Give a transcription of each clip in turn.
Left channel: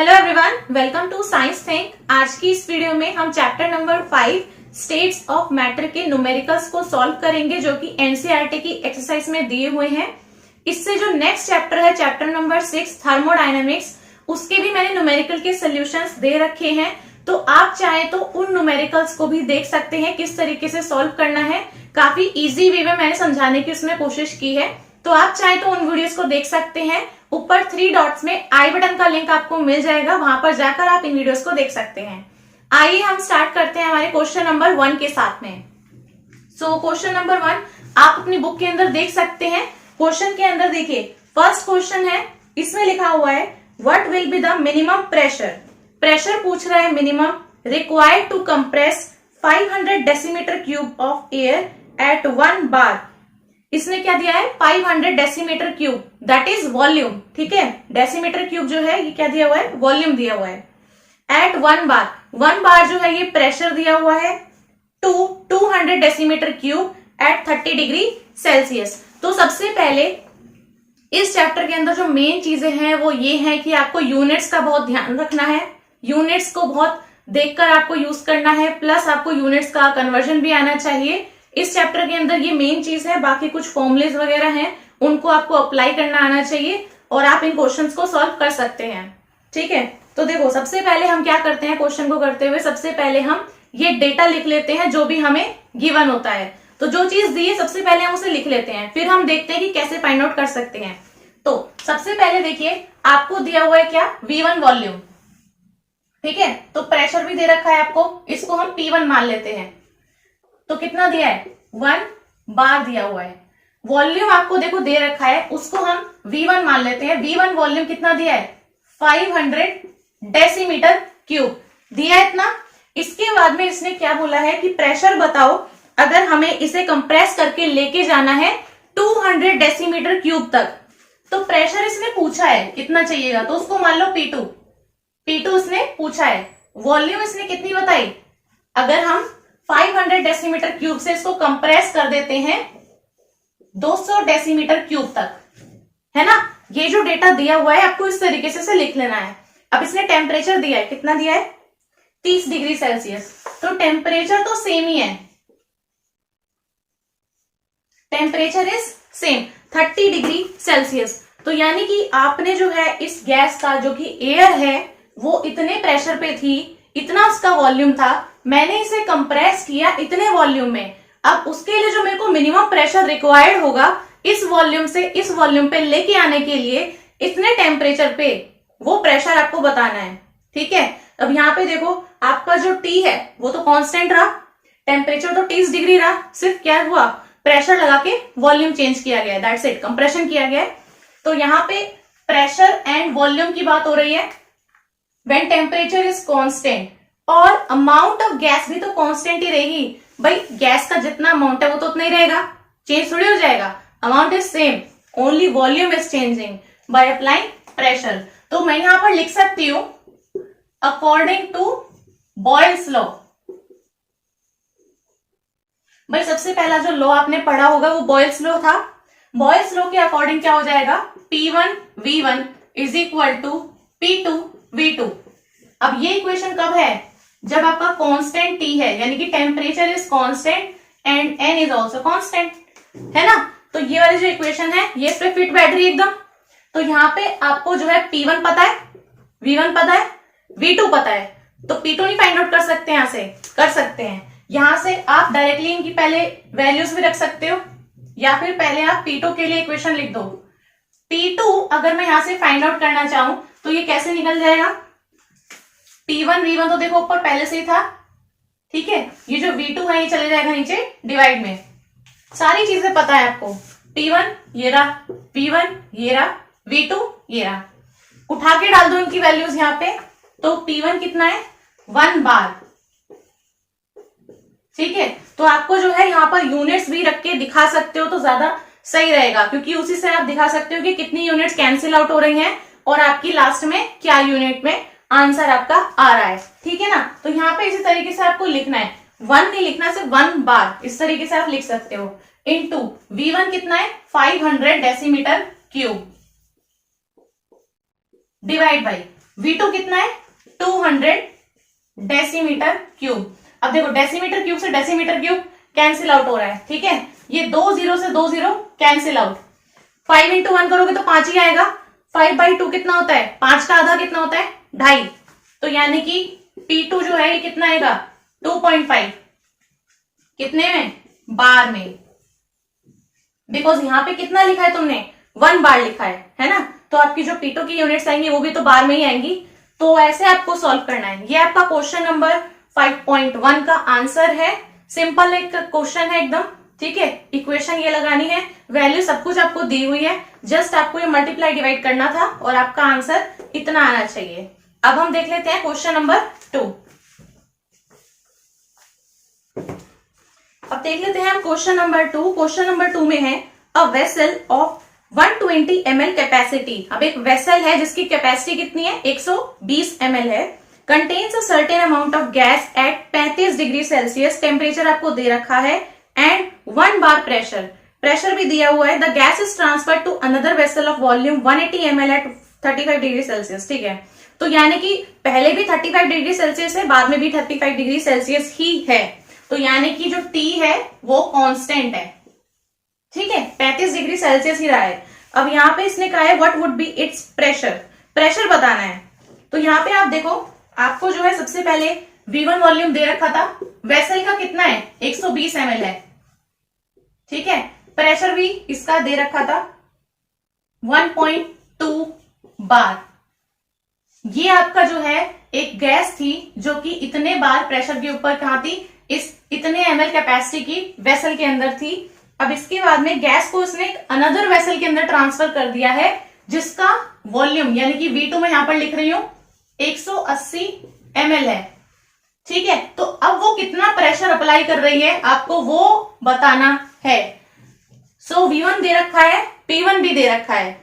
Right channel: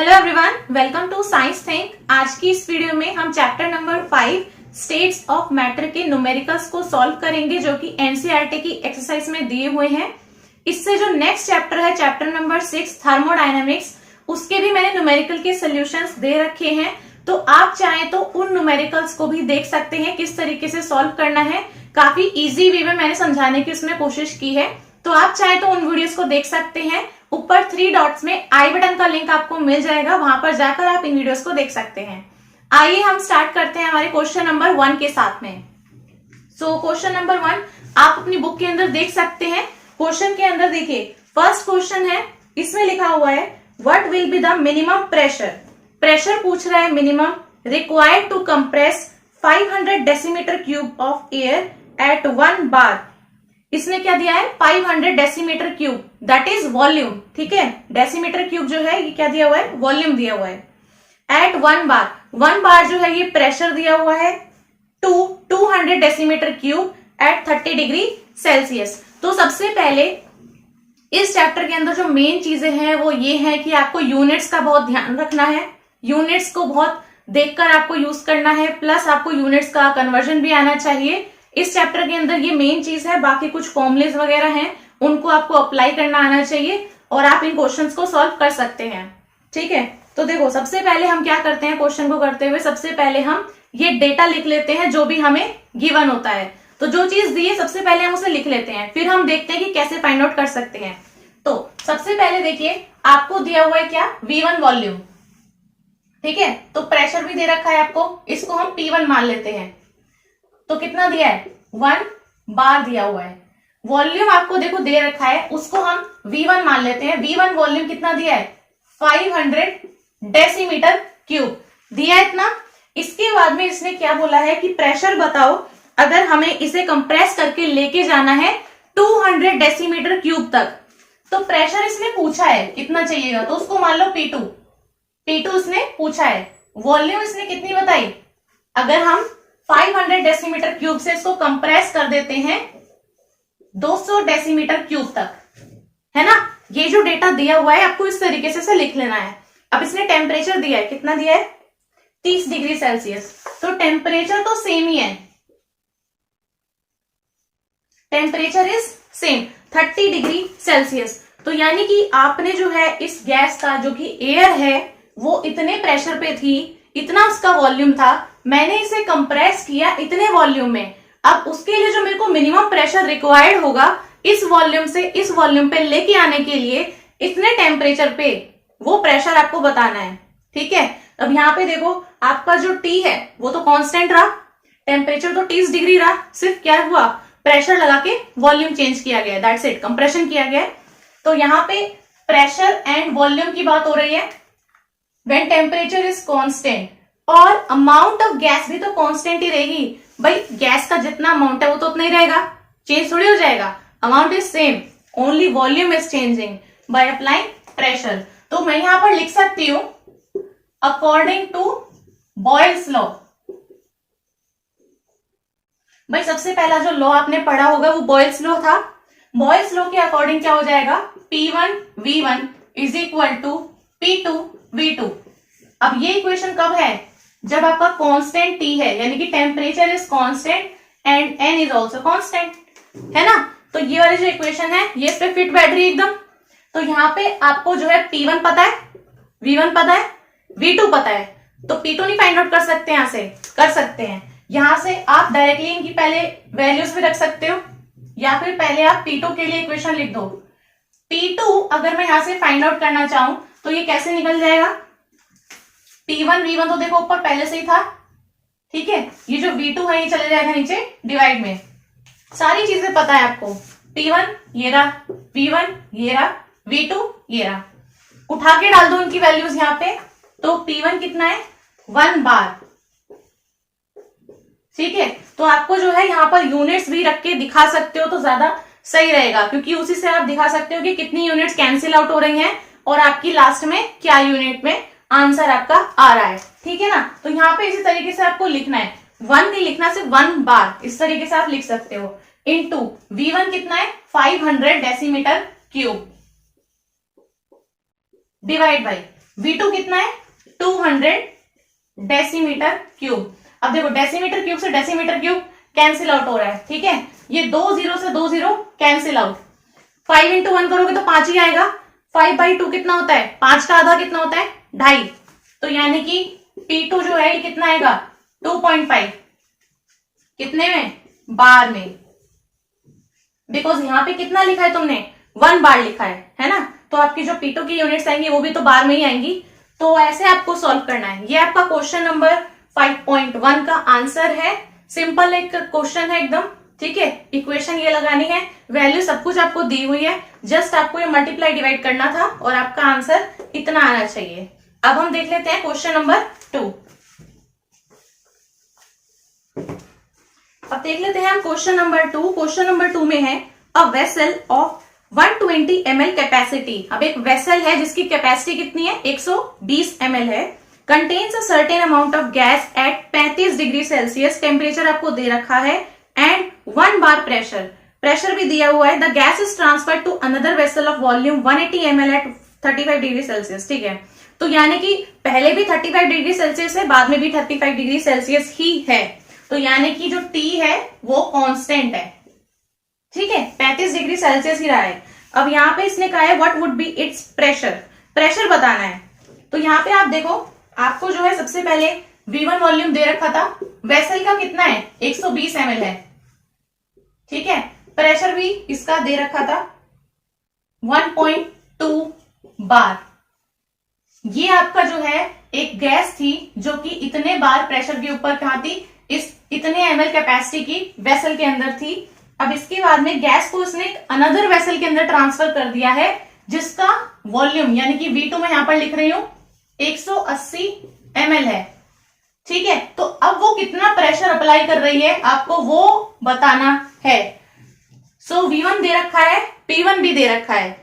Hello everyone, welcome to science think. आज की इस वीडियो में हम chapter number 5 states of matter के न्यूमेरिकल्स को सॉल्व करेंगे, जो कि एनसीईआरटी की एक्सरसाइज में दिए हुए हैं। इससे जो नेक्स्ट चैप्टर है, चैप्टर नंबर 6 थर्मोडायनेमिक्स, उसके भी मैंने न्यूमेरिकल के सोल्यूशंस दे रखे हैं। तो आप चाहें तो उन न्यूमेरिकल्स को भी देख सकते हैं, किस तरीके से सॉल्व करना है। काफी इजी वे में मैंने समझाने की उसमें कोशिश की है, तो आप चाहें तो उन वीडियोस को देख सकते हैं। ऊपर 3 डॉट्स में आई बटन का लिंक आपको मिल जाएगा, वहां पर जाकर आप इन वीडियोस को देख सकते हैं। आइए हम स्टार्ट करते हैं हमारे क्वेश्चन नंबर 1 के साथ में। सो क्वेश्चन नंबर 1 आप अपनी बुक के अंदर देख सकते हैं। क्वेश्चन के अंदर देखिए, फर्स्ट क्वेश्चन है, इसमें लिखा हुआ है what will be the minimum pressure. Pressure पूछ रहा है minimum required to compress 500 decimetre cube of air at 1 bar. इसने क्या दिया है, 500 decimetre cube, that is volume. ठीक है, डेसीमीटर क्यूब जो है ये क्या दिया हुआ है, वॉल्यूम दिया हुआ है। एट 1 बार, 1 बार जो है ये प्रेशर दिया हुआ है। 200 decimetre cube at 30 degree Celsius. तो सबसे पहले इस चैप्टर के अंदर जो मेन चीजें हैं वो ये है कि आपको यूनिट्स का बहुत ध्यान रखना है। यूनिट्स को बहुत देखकर आपको यूज करना है, प्लस आपको यूनिट्स का कन्वर्जन भी आना चाहिए। इस चैप्टर के अंदर ये मेन चीज है। बाकी कुछ फॉर्मुलेज वगैरह हैं, उनको आपको अप्लाई करना आना चाहिए और आप इन क्वेश्चंस को सॉल्व कर सकते हैं। ठीक है, तो देखो सबसे पहले हम क्या करते हैं, क्वेश्चन को करते हुए सबसे पहले हम ये डेटा लिख लेते हैं जो भी हमें गिवन होता है। तो जो चीज दी है सबसे पहले हम उसे लिख लेते हैं, फिर हम देखते हैं कि कैसे फाइंड आउट कर सकते हैं। तो सबसे पहले देखिए, आपको दिया हुआ है क्या, V1 वॉल्यूम। ठीक है, तो प्रेशर भी दे रखा है आपको, इसको हम P1 मान लेते हैं। तो कितना दिया है, 1 बार दिया हुआ है। वॉल्यूम आपको देखो दे रखा है, उसको हम V1 मान लेते हैं। V1 वॉल्यूम कितना दिया है, 500 डेसीमीटर क्यूब दिया है इतना। इसके बाद में इसने क्या बोला है कि प्रेशर बताओ, अगर हमें इसे कंप्रेस करके लेके जाना है 200 डेसीमीटर क्यूब तक। तो प्रेशर इसने पूछा है कितना चाहिएगा, तो उसको मान लो P2 इसने पूछा है। वॉल्यूम इसने कितनी बताई, अगर हम 500 डेसीमीटर क्यूब से इसको कंप्रेस कर देते हैं 200 डेसीमीटर क्यूब तक, है ना। ये जो डेटा दिया हुआ है आपको इस तरीके से लिख लेना है। अब इसने टेम्परेचर दिया है, कितना दिया है, 30 डिग्री सेल्सियस। तो टेम्परेचर तो सेम ही है, temperature is same 30 degree Celsius. तो यानी कि आपने जो है इस गैस का, जो कि एयर है, वो इतने प्रेशर पे थी, इतना उसका वॉल्यूम था, मैंने इसे कंप्रेस किया इतने वॉल्यूम में। अब उसके लिए जो मेरे को मिनिमम प्रेशर रिक्वायर्ड होगा इस वॉल्यूम से इस वॉल्यूम पे लेके आने के लिए इतने टेम्परेचर पे, वो प्रेशर आपको बताना है। ठीक है, अब यहाँ पे देखो आपका जो T है वो तो कांस्टेंट रहा, टेम्परेचर तो 30 डिग्री रहा, सिर्फ क्या हुआ, प्रेशर लगा के वॉल्यूम चेंज किया गया, दैट्स इट, कंप्रेशन किया गया है। तो यहाँ पे प्रेशर एंड वॉल्यूम की बात हो रही है व्हेन टेम्परेचर इज कांस्टेंट, और अमाउंट ऑफ गैस भी तो कांस्टेंट ही रहेगी। भाई गैस का जितना अमाउंट है वो तो उतना ही रहेगा, चेंज थोड़ी हो जाएगा। Amount is same, only volume is changing by applying pressure. तो मैं यहां पर लिख सकती हूं अकॉर्डिंग टू बॉयल्स लॉ। भाई सबसे पहला जो लॉ आपने पढ़ा होगा वो बॉयल्स लॉ था। बॉयल्स लॉ के अकॉर्डिंग क्या हो जाएगा, P1 V1 is equal to P2 V2। अब ये इक्वेशन कब है, जब आपका कांस्टेंट T है, यानी कि temperature is constant and N is also constant, है ना। तो ये वाली जो इक्वेशन है ये इस पे फिट बैठ रही है एकदम। तो यहाँ पे आपको जो है P1 पता है, V1 पता है, V2 पता है, तो P2 नहीं फाइंड आउट कर सकते, यहां से कर सकते हैं। यहां से आप डायरेक्टली इनकी पहले वैल्यूज भी रख सकते हो, या फिर पहले आप P2 के लिए इक्वेशन लिख दो। P2 अगर मैं यहां से फाइंड आउट करना चाहूं तो ये कैसे निकल जाएगा, P1 V1 तो देखो ऊपर पहले से ही था। ठीक है, ये जो V2 है ये चले जाएगा नीचे डिवाइड में, सारी चीजें पता है आपको। P1 ये रहा, V1 ये रहा, V2 ये रहा, उठा के डाल दो इनकी वैल्यूज यहाँ पे। तो P1 कितना है, 1 बार। ठीक है, तो आपको जो है यहाँ पर यूनिट्स भी रख के दिखा सकते हो तो ज्यादा सही रहेगा, क्योंकि उसी से आप दिखा सकते हो कि कितनी यूनिट्स कैंसिल आउट हो रही हैं और आपकी लास्ट में क्या यूनिट में आंसर आपका आ रहा है। ठीक है ना, तो यहाँ पे इसी तरीके से आपको लिखना है, 1 नहीं लिखना, सिर्फ 1 बार, इस तरीके से आप लिख सकते हो। इनटू V1 कितना है, 500 decimetre cube, divide by V2 कितना है 200 डेसीमीटर क्यूब। अब देखो डेसीमीटर क्यूब से डेसीमीटर क्यूब कैंसिल आउट हो रहा है, ठीक है, ये 2 जीरो से 2 जीरो कैंसिल आउट। 5 इंटू 1 करोगे तो 5 ही आएगा। 5/2 कितना होता है, 5 का आधा कितना होता है 2.5। तो यानी कि P2 जो है ये कितना आएगा 2.5 कितने में बार में, बिकॉज यहां पे कितना लिखा है तुमने 1 बार लिखा है ना, तो आपकी जो P2 की यूनिट्स आएंगी वो भी तो बार में ही आएंगी। तो ऐसे आपको सॉल्व करना है। ये आपका क्वेश्चन नंबर 5.1 का आंसर है। सिंपल एक क्वेश्चन है एकदम, ठीक है। इक्वेशन ये लगानी है, वैल्यू सब कुछ आपको दी हुई है, जस्ट आपको ये मल्टीप्लाई डिवाइड करना था और आपका आंसर इतना आना चाहिए। अब हम देख लेते हैं क्वेश्चन नंबर 2। अब देख लेते हैं हम क्वेश्चन नंबर 2। क्वेश्चन नंबर 2 में है a vessel of 120 ml capacity. अब एक वेसल है जिसकी कैपेसिटी कितनी है 120 ml है, contains a certain amount of gas at 35 degree Celsius, temperature आपको दे रखा है, एंड 1 बार प्रेशर, प्रेशर भी दिया हुआ है। The gas is transfer to another vessel of volume 180 ml at 35 degree Celsius, ठीक है। तो यानी कि पहले भी 35 डिग्री सेल्सियस है, बाद में भी 35 डिग्री सेल्सियस ही है, तो यानी कि जो T है वो कांस्टेंट है, ठीक है, 35 डिग्री सेल्सियस ही रहा है। अब यहाँ पे इसने कहा है what would be it's pressure, pressure बताना है। तो यहाँ पे आप देखो, आपको जो है सबसे पहले V1 वॉल्यूम दे रखा था, वेसल का कितना है 120 ml है, ठीक है, प्रेशर भी इसका दे रखा था 1.2 बार। ये आपका जो है एक गैस थी जो कि इतने बार प्रेशर के ऊपर कहां थी, इस इतने ml कैपेसिटी की वेसल के अंदर थी। अब इसके बाद में गैस को उसने अनदर वेसल के अंदर ट्रांसफर कर दिया है जिसका वॉल्यूम यानी कि V2 में यहां पर लिख रही हूं 180 ml है, ठीक है। तो अब वो कितना प्रेशर अप्लाई कर रही है आपको वो बताना है। सो V1 दे रखा है, P1 भी दे रखा है,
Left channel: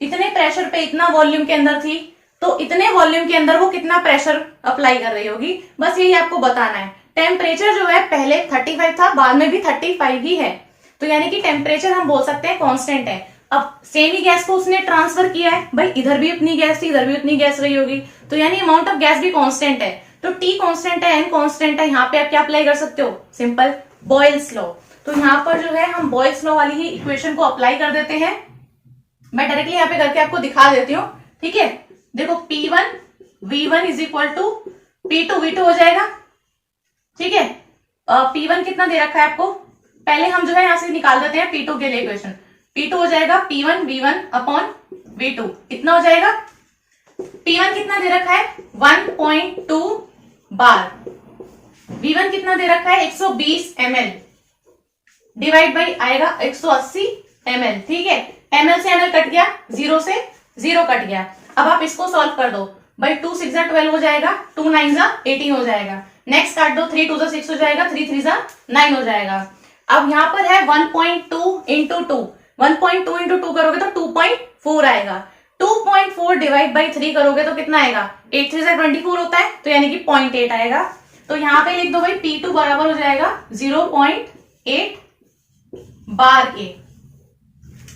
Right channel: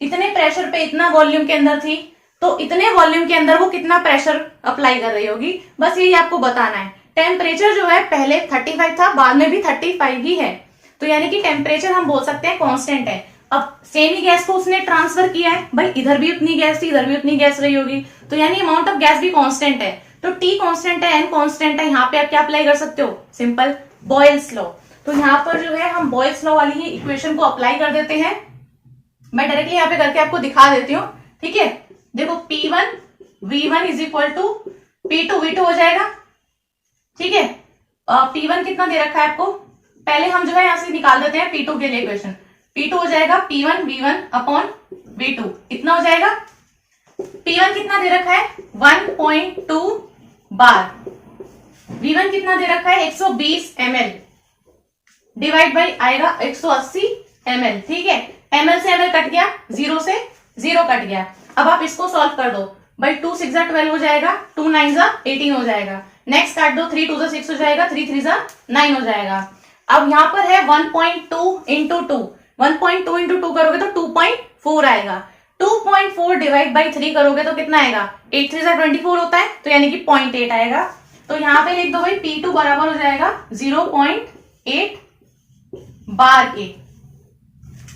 इतने प्रेशर पे इतना वॉल्यूम के अंदर थी, तो इतने वॉल्यूम के अंदर वो कितना प्रेशर अप्लाई कर रही होगी, बस यही आपको बताना है। टेम्परेचर जो है पहले 35 था, बाद में भी 35 ही है, तो यानी कि टेम्परेचर हम बोल सकते हैं कांस्टेंट है। अब सेम ही गैस को उसने ट्रांसफर किया है, भाई इधर भी उतनी गैस थी, इधर भी उतनी गैस रही होगी, तो यानी अमाउंट ऑफ गैस भी कांस्टेंट है। तो T कांस्टेंट है, N कांस्टेंट है, यहाँ पे आप क्या अप्लाई कर सकते हो, सिंपल बॉयल्स लॉ। तो यहाँ पर जो है हम बॉयल्स लॉ वाली ही इक्वेशन को अप्लाई कर देते हैं। मैं डायरेक्टली यहाँ पे करके आपको दिखा देती हूँ, ठीक है। देखो P1 V1 is equal to P2 V2 हो जाएगा, ठीक है। P1 कितना दे रखा है आपको, पहले हम जो है यहां से निकाल देते हैं P2 के लिए इक्वेशन। P2 हो जाएगा P1 V1 अपॉन V2, इतना हो जाएगा। P1 कितना दे रखा है 1.2 बार, V1 कितना दे रखा है 120 ml, डिवाइड बाई आएगा 180 ml, ठीक है। ml से ml कट गया, 0 से 0 कट गया। अब आप इसको सॉल्व कर दो, भाई 2 6 12 हो जाएगा, 2 9 18 हो जाएगा। नेक्स्ट काट दो, 3 2 6 हो जाएगा, 3 3 9 हो जाएगा। अब यहां पर है 1.2 इंटू 2, 1.2 इंटू 2 करोगे तो 2.4 आएगा। 2.4 डिवाइड बाई 3 करोगे तो कितना आएगा, 8 3 24 होता है, तो यानी कि 0.8 आएगा। तो यहां पे लिख दो भाई P2 बराबर हो जाएगा 0.8 बार के।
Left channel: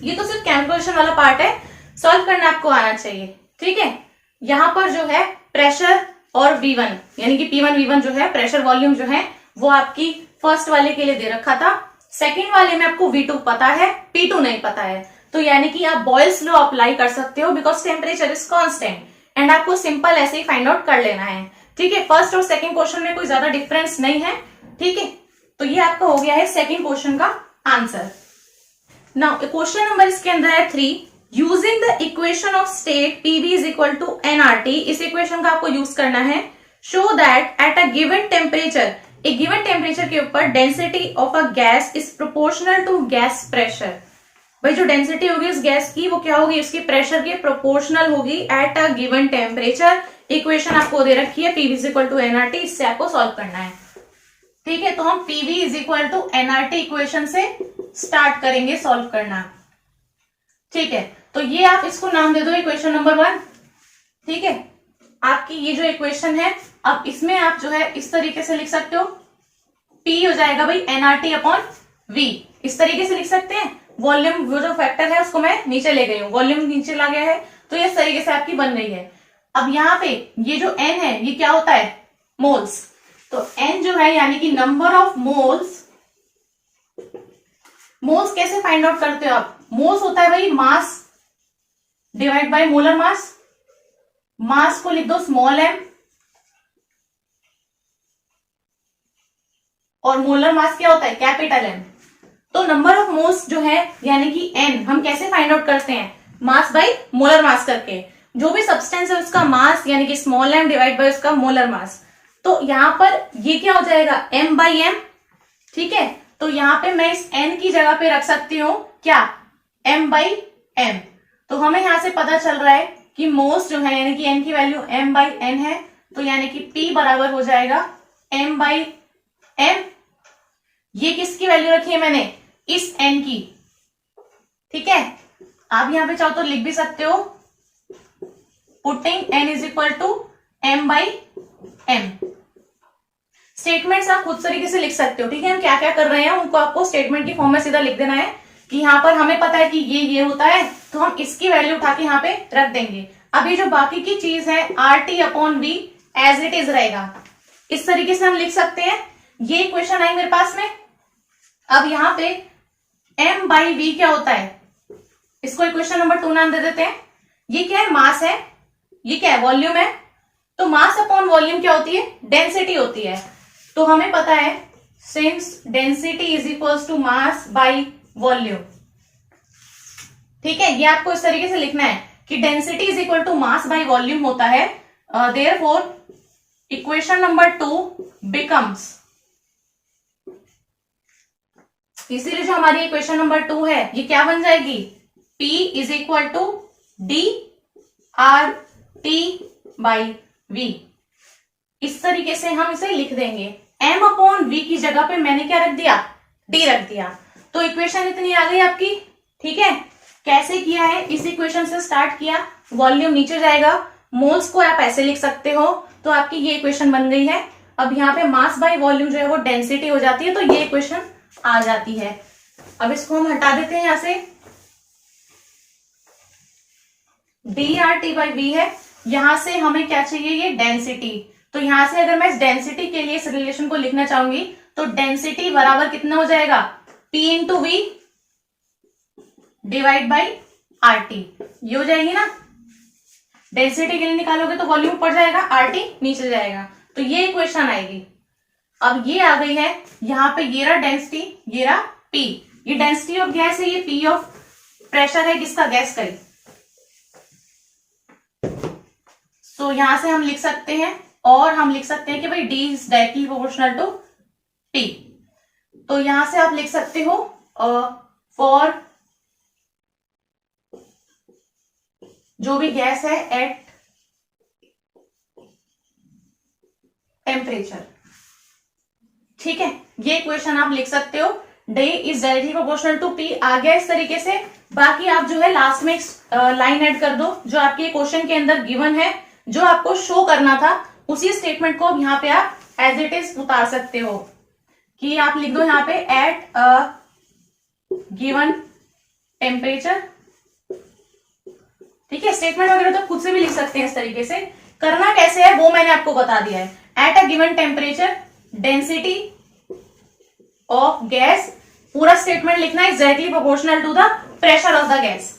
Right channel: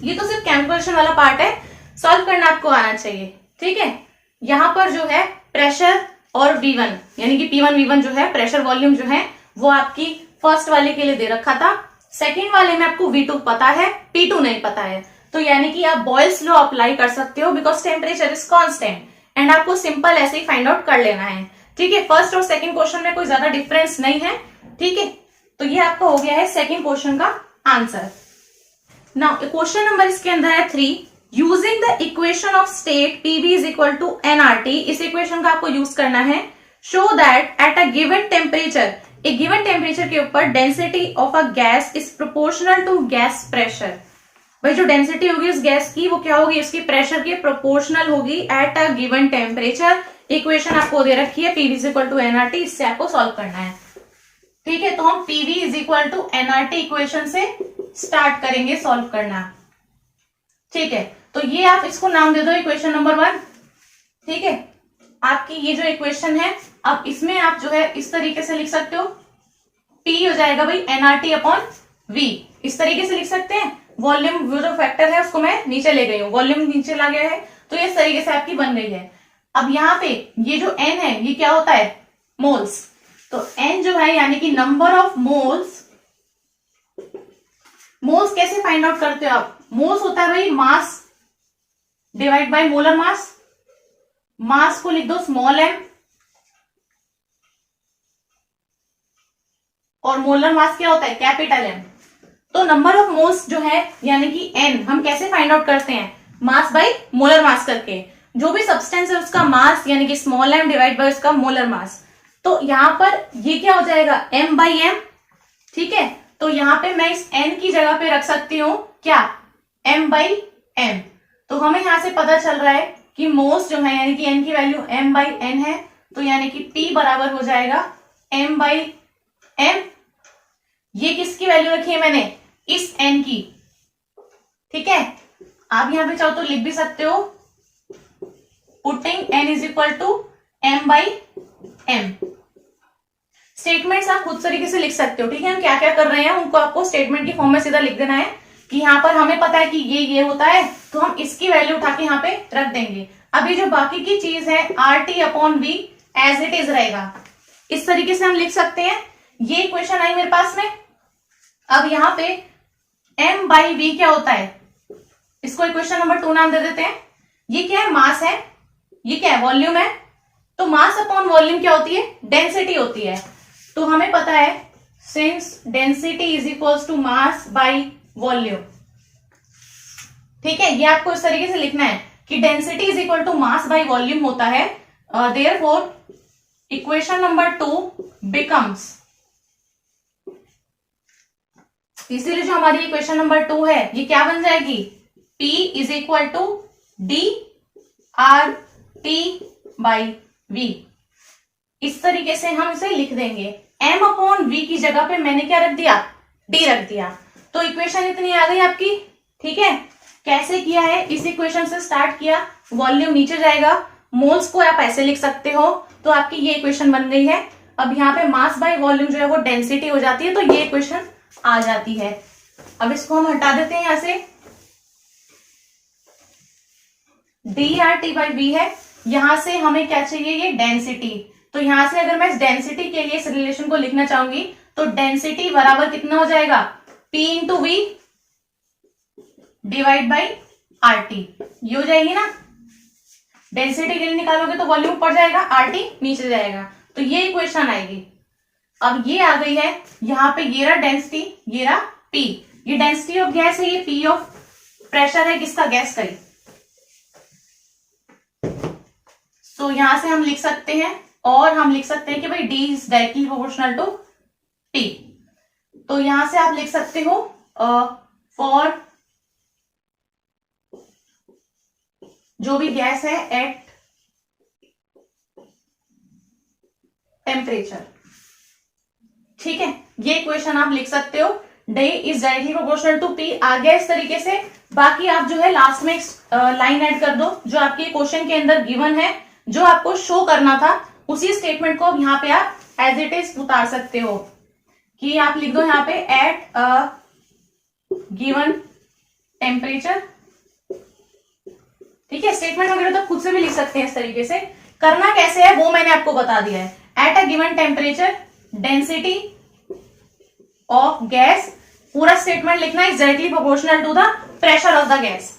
ये तो सिर्फ कैलकुलेशन वाला पार्ट है, सॉल्व करना आपको आना चाहिए, ठीक है। यहां पर जो है प्रेशर और V1 यानी कि P1 V1 जो है प्रेशर वॉल्यूम जो है वो आपकी फर्स्ट वाले के लिए दे रखा था, सेकंड वाले में आपको V2 पता है, P2 नहीं पता है, तो यानी कि आप बॉयल्स लॉ अप्लाई कर सकते हो because temperature is constant, and आपको सिंपल ऐसे ही फाइंड आउट कर लेना है, ठीक है। फर्स्ट और सेकंड क्वेश्चन में कोई ज्यादा डिफरेंस नहीं है, ठीक है। तो ये आपका हो गया है सेकंड क्वेश्चन का आंसर। नाउ क्वेश्चन नंबर इसके अंदर है 3, using the equation of state PV is equal to nRT, इस इक्वेशन का आपको यूज करना है। Show that at a given temperature, एक गिवन टेम्परेचर के ऊपर density of a gas is proportional to gas pressure, भाई जो डेंसिटी होगी उस गैस की वो क्या होगी, उसके प्रेशर के प्रोपोर्शनल होगी at a given temperature. Equation आपको दे रखी है PV is equal to nRT, इससे आपको सॉल्व करना है, ठीक है। तो हम PV is equal to nRT equation से स्टार्ट करेंगे सॉल्व करना, ठीक है। तो ये आप इसको नाम दे दो इक्वेशन नंबर 1, ठीक है। आपकी ये जो इक्वेशन है, अब इसमें आप जो है इस तरीके से लिख सकते हो, P हो जाएगा भाई nRT अपॉन V, इस तरीके से लिख सकते हैं। वॉल्यूम वो जो फैक्टर है उसको मैं नीचे ले गई हूँ, वॉल्यूम नीचे ला गया है, तो ये इस तरीके से आपकी बन गई है। अब यहाँ पे ये जो n है ये क्या होता है, मोल्स। तो n जो है यानी कि नंबर ऑफ मोल्स। मोल्स कैसे फाइंड आउट करते हो आप, मोल्स होता है भाई mass divide by molar mass. Mass को लिख दो स्मॉल m और मोलर मास क्या होता है, कैपिटल M। तो नंबर ऑफ मोल्स जो है यानी कि n हम कैसे फाइंड आउट करते हैं, मास बाय मोलर मास करके। जो भी सब्सटेंस है उसका मास यानी कि स्मॉल m डिवाइड बाय उसका मोलर मास। तो यहां पर ये क्या हो जाएगा, m बाई m। ठीक है, तो यहां पे मैं इस n की जगह पे रख सकती हूँ क्या, m बाई m। तो हमें यहां से पता चल रहा है कि मोल्स जो है यानी कि n की वैल्यू m बाई n है। तो यानी कि P बराबर हो जाएगा m बाई m। ये किसकी वैल्यू रखी है मैंने, इस n की। ठीक है, आप यहां पे चाहो तो लिख भी सकते हो, putting n is equal to m by m। Statements आप खुद तरीके से लिख सकते हो। ठीक है, हम क्या क्या कर रहे हैं उनको आपको स्टेटमेंट की फॉर्म में सीधा लिख देना है कि यहाँ पर हमें पता है कि ये होता है तो हम इसकी वैल्यू उठा के यहाँ पे रख देंगे। अब ये जो बाकी की चीज है RT upon V as it is रहेगा, इस तरीके से हम लिख सकते हैं। ये इक्वेशन आई मेरे पास में। अब यहाँ पे m बाई V क्या होता है, इसको इक्वेशन नंबर 2 नाम दे देते हैं। ये क्या है, मास है, ये क्या है, वॉल्यूम है। तो मास अपॉन वॉल्यूम क्या होती है, डेंसिटी होती है। तो हमें पता है since density is equals to mass by volume. ठीक है, ये आपको इस तरीके से लिखना है कि density is equal to mass by volume होता है। देयरफॉर इक्वेशन नंबर 2 बिकम्स, इसीलिए जो हमारी इक्वेशन नंबर 2 है ये क्या बन जाएगी, P is equal to d R T by V। इस तरीके से हम इसे लिख देंगे। m अपॉन V की जगह पे मैंने क्या रख दिया, D रख दिया। तो इक्वेशन इतनी आ गई आपकी। ठीक है, कैसे किया है, इस इक्वेशन से स्टार्ट किया, वॉल्यूम नीचे जाएगा, मोल्स को आप ऐसे लिख सकते हो। तो आपकी ये इक्वेशन बन गई है। अब यहाँ पे मास बाय वॉल्यूम जो है वो डेंसिटी हो जाती है, तो ये इक्वेशन आ जाती है। अब इसको हम हटा देते हैं यहां से, d R T by V है। यहां से हमें क्या चाहिए, ये डेंसिटी। तो यहां से अगर मैं इस डेंसिटी के लिए इस रिलेशन को लिखना चाहूंगी तो डेंसिटी बराबर कितना हो जाएगा, P into V divide by R T. ये हो जाएगी ना, डेंसिटी के लिए निकालोगे तो वॉल्यूम पड़ जाएगा, आर टी नीचे जाएगा, तो ये इक्वेशन आएगी। अब ये आ गई है, यहां पे ये रहा डेंसिटी, ये रहा P। ये डेंसिटी ऑफ गैस है, ये P ऑफ प्रेशर है, किसका, गैस का ही। तो यहां से हम लिख सकते हैं, और हम लिख सकते हैं कि भाई D is directly proportional to P। तो यहां से आप लिख सकते हो फॉर जो भी गैस है एट टेम्परेचर। ठीक है, ये इक्वेशन आप लिख सकते हो, D is directly proportional to P। आ गया इस तरीके से। बाकी आप जो है लास्ट में लाइन ऐड कर दो जो आपके क्वेश्चन के अंदर गिवन है, जो आपको शो करना था उसी स्टेटमेंट को अब यहाँ पे आप एज इट इज उतार सकते हो कि आप लिख दो यहाँ पे एट गिवन टेम्परेचर। ठीक है, स्टेटमेंट वगैरह तो खुद से भी लिख सकते हैं इस तरीके से। करना कैसे है वो मैंने आपको बता दिया है। At a given temperature density of gas, पूरा स्टेटमेंट लिखना है, directly proportional to the pressure of the gas,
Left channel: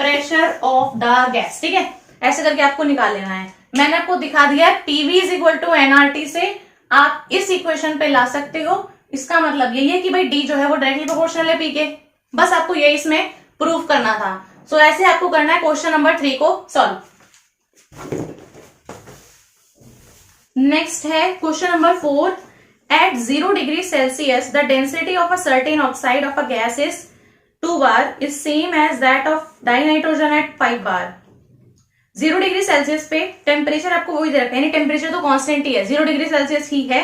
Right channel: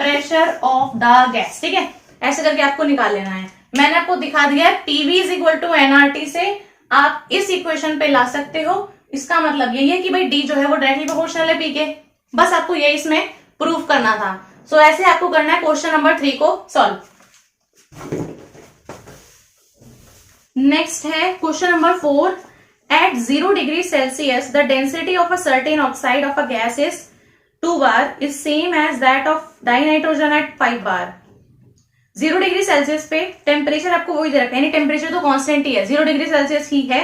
pressure of the gas. ठीक है, ऐसे करके आपको निकाल लेना है। मैंने आपको दिखा दिया है PV is equal to NRT से आप इस इक्वेशन पे ला सकते हो। इसका मतलब यही है कि भाई डी जो है वो डायरेक्टली प्रोपोर्शनल है पी के। बस आपको ये इसमें प्रूव करना था। सो ऐसे आपको करना है क्वेश्चन नंबर 3 को सॉल्व। नेक्स्ट है question number 4। At 0 degree Celsius the density of a certain oxide of a gas is 2 bar is same as that of dinitrogen at 5 bar. 0 degree Celsius पे temperature आपको वही दे रखा है, यानी temperature तो constant ही है, 0 degree Celsius ही है।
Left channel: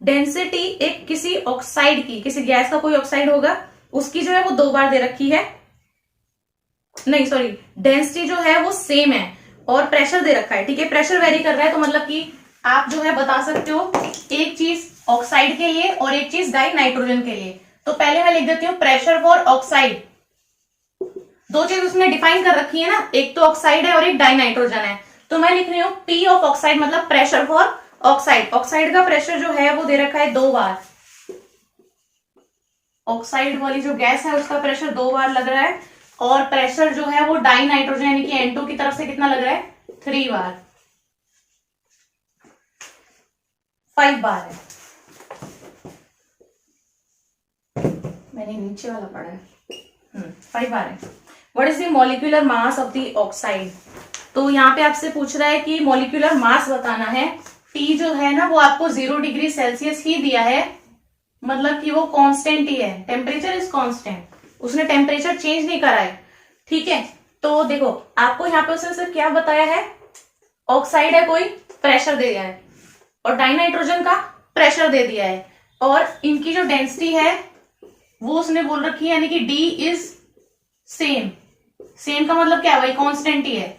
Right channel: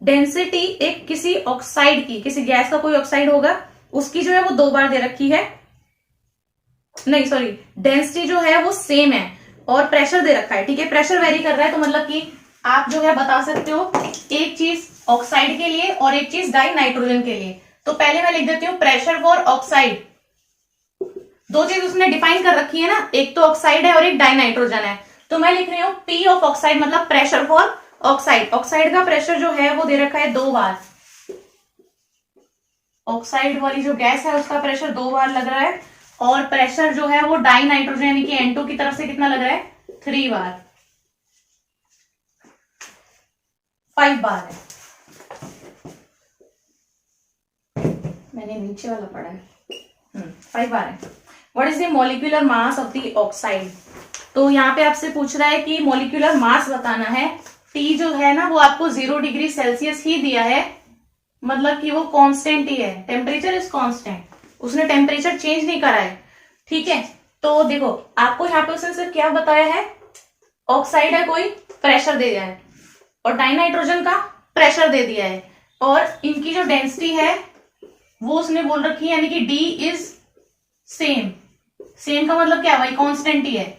Density एक किसी ऑक्साइड की, किसी गैस का कोई ऑक्साइड होगा उसकी जो है वो 2 बार दे रखी है, नहीं सॉरी, डेंसिटी जो है वो सेम है और प्रेशर दे रखा है। ठीक है, प्रेशर वेरी कर रहा है तो मतलब कि आप जो है बता सकते हो एक चीज ऑक्साइड के लिए और एक चीज डाई नाइट्रोजन के लिए। तो पहले मैं लिख देती हूँ प्रेशर फॉर ऑक्साइड दो चीज उसने डिफाइन कर रखी है ना, एक तो ऑक्साइड है और एक डाइनाइट्रोजन है। तो मैं लिख रही हूँ पी ऑफ ऑक्साइड मतलब प्रेशर फॉर ऑक्साइड। ऑक्साइड का प्रेशर जो है वो दे रखा है 2 बार। ऑक्साइड वाली जो गैस है उसका प्रेशर 2 बार लग रहा है, और प्रेशर जो है वो डाई नाइट्रोजन यानी कि N2 की तरफ से कितना लग रहा है, 3 बार, 5 बार है। मैंने नीचे वाला पढ़ा है। 5 बार है। What is the molecular mass of the oxide. तो यहाँ पे आपसे पूछ रहा है कि मॉलिक्यूलर मास बताना है। टी जो है ना वो आपको 0 डिग्री सेल्सियस ही दिया है, मतलब कि वो कांस्टेंट ही है, टेम्परेचर इज कांस्टेंट, उसने टेम्परेचर चेंज नहीं करा है। ठीक है, तो देखो आपको यहाँ पे उसने सिर्फ क्या बताया है, ऑक्साइड है कोई, प्रेशर दे दिया है, और डाइनाइट्रोजन का प्रेशर दे दिया है, और इनकी जो डेंसिटी है वो उसने बोल रखी है, यानी कि डी इज सेम। सेम का मतलब क्या है, वही कांस्टेंट ही है।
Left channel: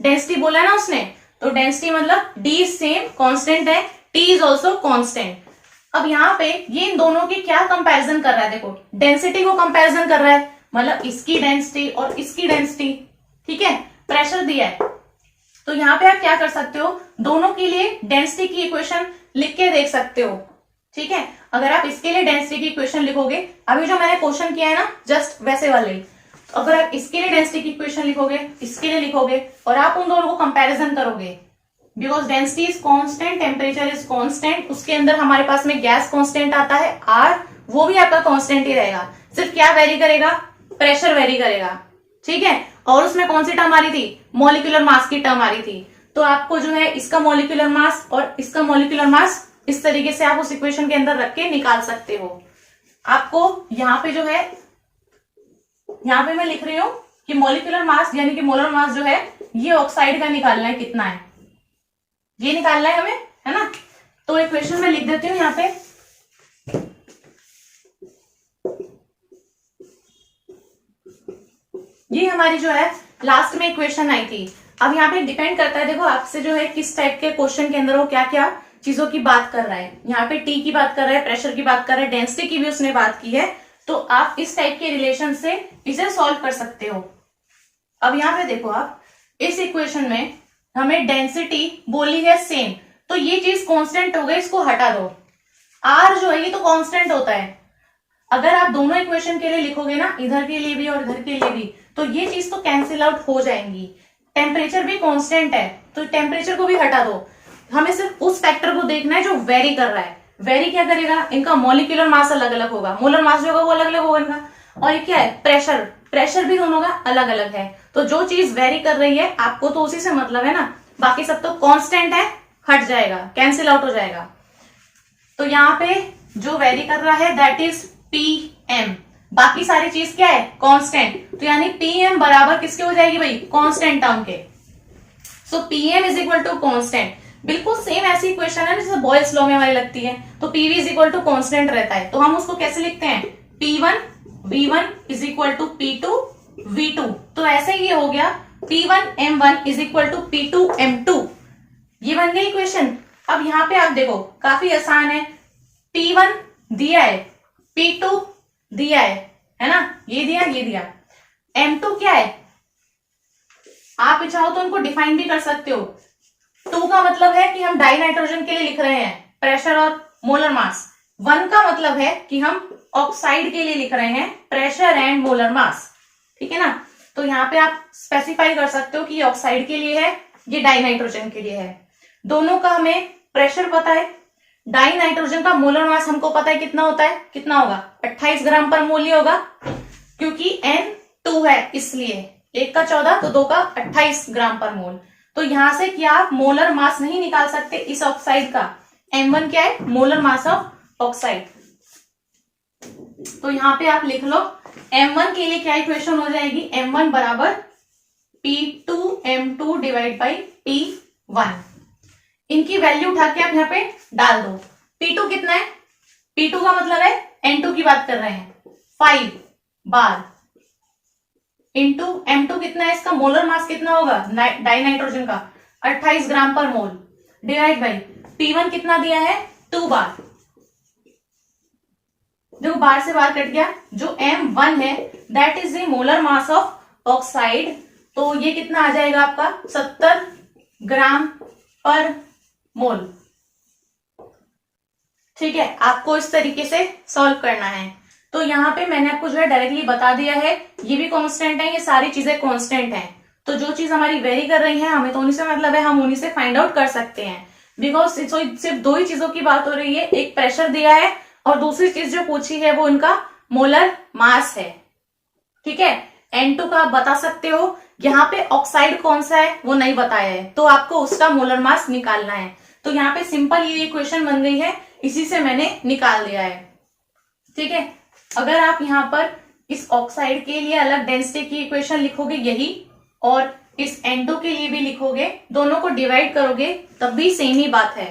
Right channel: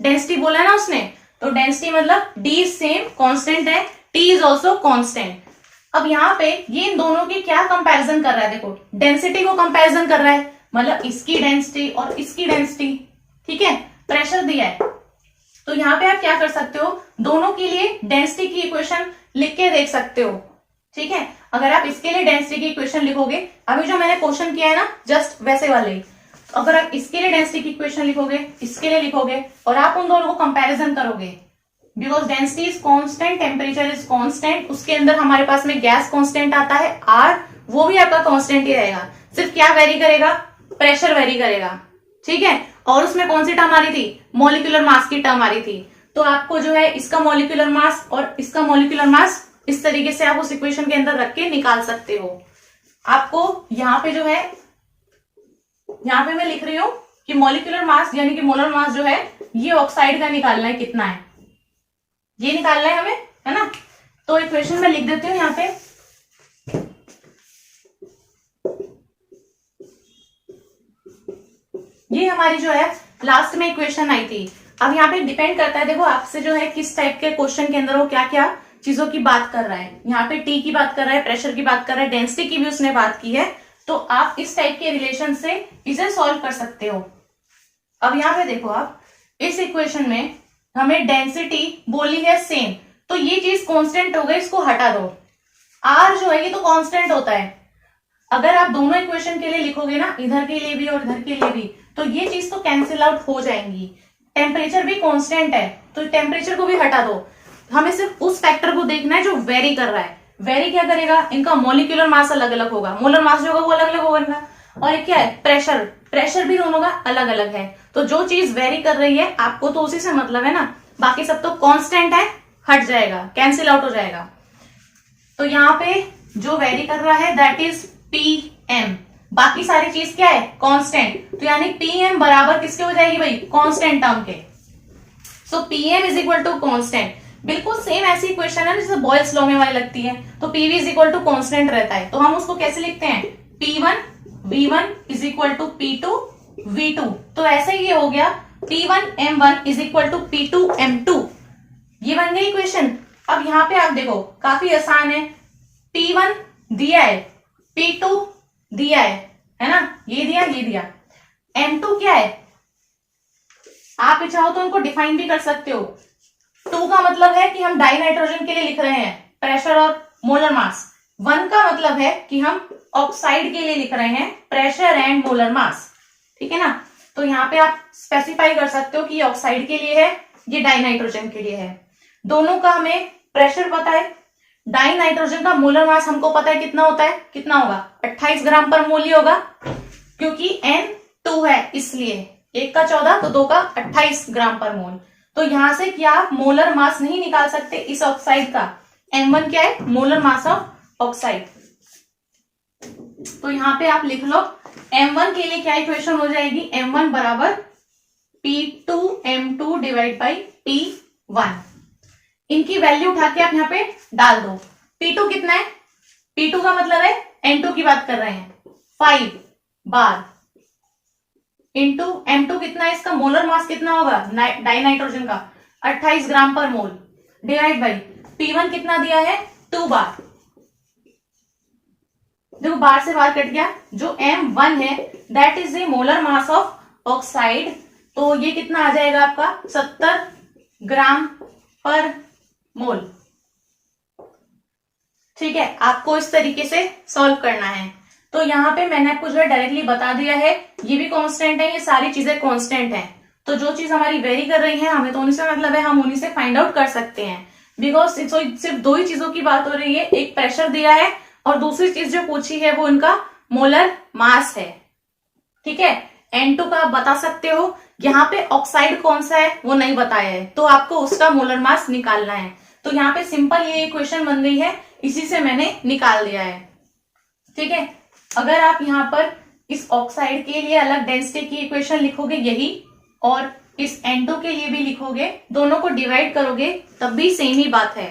डेंसिटी बोला है ना उसने, तो डेंसिटी मतलब डी सेम कांस्टेंट है, टी इज ऑल्सो कांस्टेंट। अब यहाँ पे ये इन दोनों की क्या कंपैरिजन कर रहा है, देखो डेंसिटी को कंपैरिजन कर रहा है, मतलब इसकी डेंसिटी और इसकी डेंसिटी। ठीक है, प्रेशर दिया है, तो यहाँ पे आप क्या कर सकते हो, दोनों के लिए डेंसिटी की इक्वेशन लिख के देख सकते हो। ठीक है, अगर आप इसके लिए डेंसिटी की इक्वेशन लिखोगे, अभी जो मैंने क्वेश्चन किया है ना जस्ट वैसे वाले ही, अगर आप इसके लिए डेंसिटी की इक्वेशन लिखोगे, इसके लिए लिखोगे, और आप उन दोनों को कंपैरिजन करोगे, because density is constant, temperature is constant, उसके अंदर हमारे पास में गैस कांस्टेंट आता है आर, वो भी आपका कांस्टेंट ही रहेगा, सिर्फ क्या वेरी करेगा, प्रेशर वेरी करेगा। ठीक है, और उसमें कौन सी टर्म आ रही थी, मॉलिक्यूलर मास की टर्म आ रही थी। तो आपको जो है इसका मॉलिक्यूलर मास और इसका मॉलिक्यूलर मास इस तरीके से आप उस इक्वेशन के अंदर रख के निकाल सकते हो। आपको यहाँ पे जो है, यहाँ पे मैं लिख रही हूं कि मॉलिक्यूलर मास यानी कि मोलर मास जो है ये ऑक्साइड का निकालना है, कितना है ये निकालना है हमें, है ना। तो इक्वेशन में लिख देती हूँ यहाँ पे, ये हमारी जो है लास्ट में इक्वेशन आई थी। अब यहाँ पे डिपेंड करता है, देखो आपसे जो है किस टाइप के क्वेश्चन के अंदर वो क्या क्या चीजों की बात कर रहा है। यहाँ पे टी की बात कर रहा है, प्रेशर की बात कर रहा है, डेंसिटी की भी उसने बात की है, तो आप इस टाइप के रिलेशन से इसे सॉल्व कर सकते हो। अब यहाँ पे देखो आप, इस इक्वेशन में हमें डेंसिटी बोली है सेम, तो ये चीज कांस्टेंट हो गई, इसको हटा दो। आर जो है ये तो कांस्टेंट होता है, अगर आप दोनों इक्वेशन के लिए लिखोगे ना, इधर के लिए भी और इधर के लिए भी, तो ये चीज तो कैंसिल आउट हो जाएंगी। टेम्परेचर भी कांस्टेंट है, तो टेम्परेचर को भी हटा दो, हमें सिर्फ उस फैक्टर को देखना है जो वेरी कर रहा है। वेरी क्या करेगा, इनका मॉलिक्यूलर मास अलग अलग होगा, मोलर मास जो होगा वो अलग अलग होगा इनका, और क्या है प्रेशर, प्रेशर भी दोनों का अलग अलग है। तो जो चीज वेरी कर रही है आपको तो उसी से मतलब है ना, बाकी सब तो कांस्टेंट है, हट जाएगा, कैंसिल आउट हो जाएगा। तो यहाँ पे जो वेरी कर रहा है दैट इज पीएम, बाकी सारी चीज क्या है, कांस्टेंट, तो यानी पीएम बराबर किसके हो जाएगी भाई, कांस्टेंट टर्म के। So PM is equal to constant, बिल्कुल सेम ऐसी इक्वेशन है जैसे बॉयल्स लॉ में हमारी लगती है, तो PV is equal to constant रहता है, तो हम उसको कैसे लिखते हैं, P1 V1 is equal to P2 V2, तो ऐसे ही ये हो गया P1 M1 is equal to P2 M2, ये बन गई इक्वेशन। अब यहाँ पे आप देखो काफी आसान है, P1 दिया है, P2 दिया है ना, ये दिया, M2 क्या है, आप चाहो तो उनको डिफाइन भी कर सकते हो। 2 का मतलब है कि हम डाई नाइट्रोजन के लिए लिख रहे हैं प्रेशर और मोलर मास, 1 का मतलब है कि हम ऑक्साइड के लिए लिख रहे हैं प्रेशर एंड मोलर मास। ठीक है ना, तो यहाँ पे आप स्पेसिफाई कर सकते हो कि ये ऑक्साइड के लिए है, ये डाई नाइट्रोजन के लिए है। दोनों का हमें प्रेशर पता है, डाई नाइट्रोजन का मोलर मास हमको पता है कितना होता है, कितना होगा 28 ग्राम पर मोल ही होगा, क्योंकि N2 है इसलिए, 1 का 14 तो 2 का 28 ग्राम पर मोल। तो यहां से क्या आप मोलर मास नहीं निकाल सकते इस ऑक्साइड का, M1 क्या है, मोलर मास ऑफ ऑक्साइड। तो यहां पे आप लिख लो M1 के लिए क्या इक्वेशन हो जाएगी, M1 बराबर P2M2 डिवाइड बाई P1, इनकी वैल्यू उठा के आप यहाँ पे डाल दो। P2 कितना है, P2 का मतलब है N2 की बात कर रहे हैं, 5 बार इंटू M2 कितना है, इसका मोलर मास कितना होगा डाई नाइट्रोजन का 28 ग्राम पर मोल, डिवाइड बाई P1 कितना दिया है 2 बार, देखो बाहर से बाहर कट गया, जो M1 है that is the molar mass of oxide. तो ये कितना आ जाएगा आपका 70 ग्राम पर मोल। ठीक है, आपको इस तरीके से सॉल्व करना है। तो यहाँ पे मैंने आपको जो है डायरेक्टली बता दिया है, ये भी कांस्टेंट है, ये सारी चीजें कांस्टेंट हैं। तो जो चीज हमारी वेरी कर रही है हमें तो उन्हीं से मतलब है, हम उन्हीं से फाइंड आउट कर सकते हैं। बिकॉज सिर्फ दो ही चीजों की बात हो रही है, एक प्रेशर दिया है और दूसरी चीज जो पूछी है वो उनका मोलर मास है। ठीक है, N2 का आप बता सकते हो, यहाँ पे ऑक्साइड कौन सा है वो नहीं बताया है, तो आपको उसका मोलर मास निकालना है। तो यहाँ पे सिंपल ये इक्वेशन बन गई है, इसी से मैंने निकाल दिया है। ठीक है, अगर आप यहाँ पर इस ऑक्साइड के लिए अलग डेंसिटी की इक्वेशन लिखोगे यही, और इस N2 के लिए भी लिखोगे, दोनों को डिवाइड करोगे तब भी सेम ही बात है।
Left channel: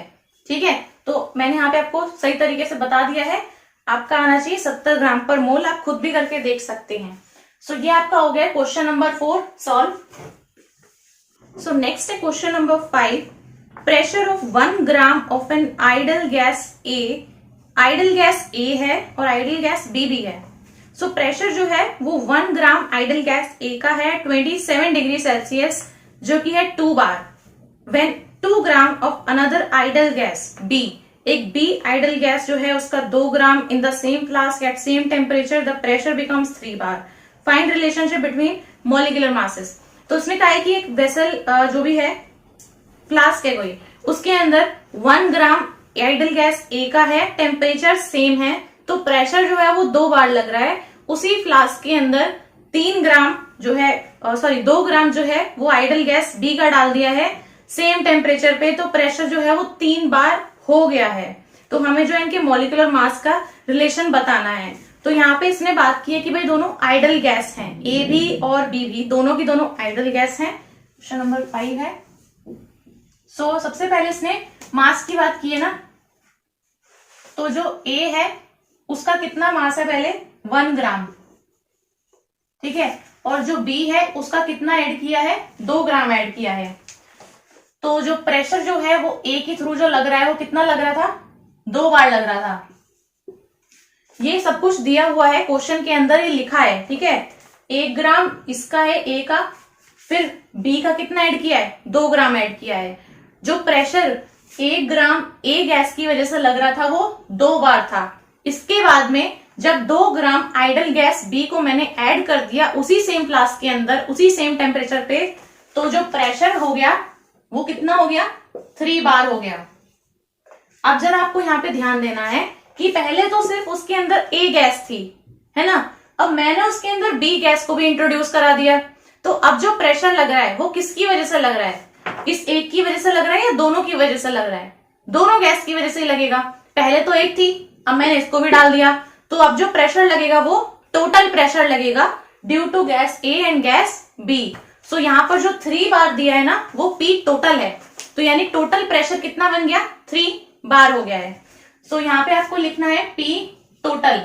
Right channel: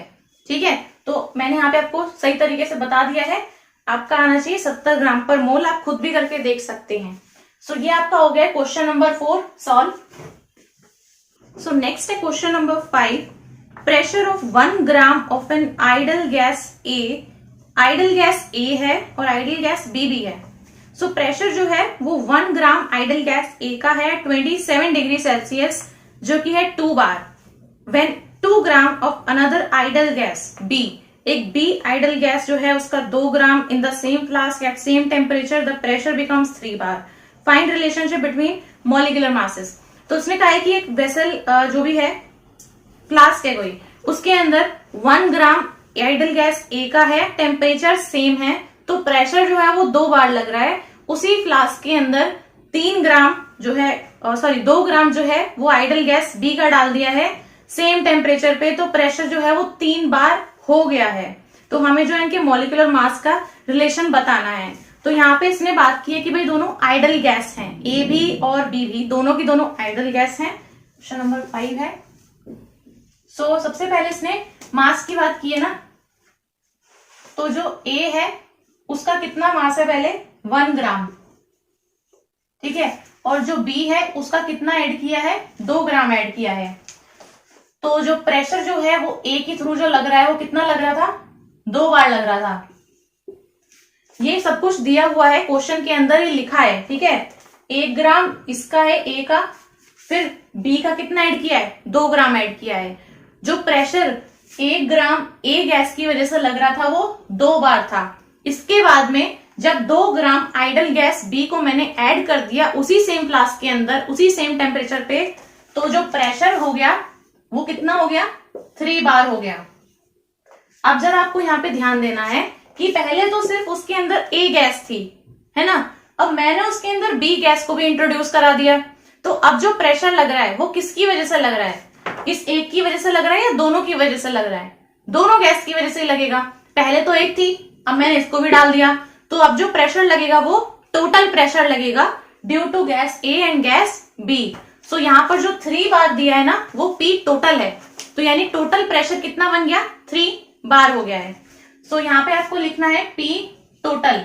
ठीक है, तो मैंने यहाँ पे आपको सही तरीके से बता दिया है, आपका आना चाहिए 70 ग्राम पर मोल। आप खुद भी करके देख सकते हैं। सो ये आपका हो गया question number 4 solve. So next है question number 5, pressure of 1 gram of an ideal gas A. Ideal gas A है और आइडल गैस बी भी है। सो प्रेशर जो है वो 1 ग्राम आइडल गैस ए का है 27 डिग्री सेल्सियस, जो कि है 2 bar. When 2 gram of another ideal gas B, एक बी आइडल गैस जो है उसका 2 gram in the same flask at same temperature, the pressure becomes 3 bar. Find relationship between molecular masses. तो उसने कहा है कि एक वेसल जो भी है, फ्लास्क है कोई, उसके अंदर 1 ग्राम आइडल गैस ए का है, टेम्परेचर सेम है, तो प्रेशर जो है वो 2 बार लग रहा है। उसी फ्लास्क के अंदर 3 ग्राम जो है 2 ग्राम जो है वो आइडल गैस बी का डाल दिया है सेम टेम्परेचर पे, तो प्रेशर जो है वो 3 बार हो गया है। तो हमें जो है इनके मॉलिक्यूलर मास का रिलेशन बताना है। तो यहाँ पे इसने बात की है कि भाई दोनों आइडल गैस हैं, ए भी और बी भी, दोनों की दोनों आइडल गैस हैं। क्वेश्चन नंबर 5 है। सो सबसे पहले इसने मास की बात की है ना, तो जो ए है उसका कितना मास है पहले 1 ग्राम। ठीक है, और जो बी है उसका कितना ऐड किया है 2 ग्राम ऐड किया है। तो जो प्रेशर जो है वो ए के थ्रू जो लग रहा है वो कितना लग रहा था 2 बार लग रहा था। ये सब कुछ दिया हुआ है क्वेश्चन के अंदर ही लिखा है। ठीक है, 1 ग्राम इसका है ए का, फिर बी का कितना ऐड किया है 2 ग्राम ऐड किया है। जो प्रेशर 1 ग्राम ए गैस की वजह से लग रहा था वो 2 बार था। इसके बाद में जब 2 ग्राम आइडल गैस बी को मैंने ऐड कर दिया उसी सेम फ्लास्क के अंदर उसी सेम टेम्परेचर पे, तो जो प्रेशर हो गया वो कितना हो गया 3 बार हो गया। अब जरा आपको यहाँ पे ध्यान देना है कि पहले तो सिर्फ उसके अंदर ए गैस थी, है ना, अब मैंने उसके अंदर बी गैस को भी इंट्रोड्यूस करा दिया। तो अब जो प्रेशर लग रहा है वो किसकी वजह से लग रहा है, इस एक की वजह से लग रहा है या दोनों की वजह से लग रहा है, दोनों गैस की वजह से ही लगेगा। पहले तो एक थी, अब मैंने इसको भी डाल दिया, तो अब जो प्रेशर लगेगा वो टोटल प्रेशर लगेगा due to gas A and gas B. So यहाँ पर जो 3 बार दिया है ना वो पी टोटल है, तो यानी टोटल प्रेशर कितना बन गया 3 बार हो गया है। सो यहाँ पे आपको लिखना है p total.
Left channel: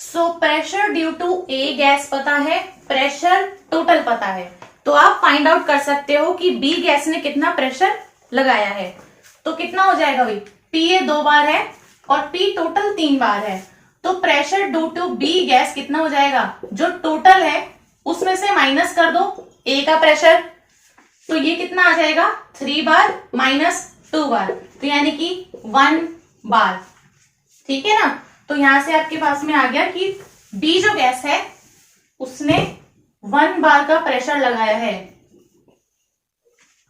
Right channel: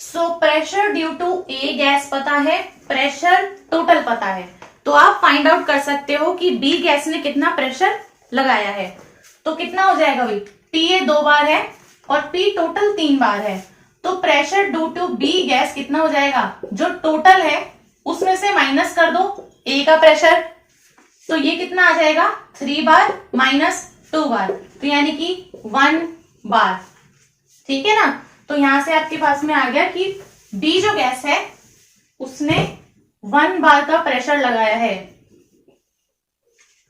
So pressure due to A gas पता है, प्रेशर टोटल पता है, तो आप फाइंड आउट कर सकते हो कि बी गैस ने कितना प्रेशर लगाया है। तो कितना हो जाएगा भाई, पी ए 2 बार है और पी टोटल 3 बार है, तो pressure due to B gas कितना हो जाएगा, जो टोटल है उसमें से माइनस कर दो ए का प्रेशर, तो ये कितना आ जाएगा 3 बार माइनस 2 बार, तो यानी कि 1 बार। ठीक है ना, तो यहां से आपके पास में आ गया कि बी जो गैस है उसने 1 बार का प्रेशर लगाया है,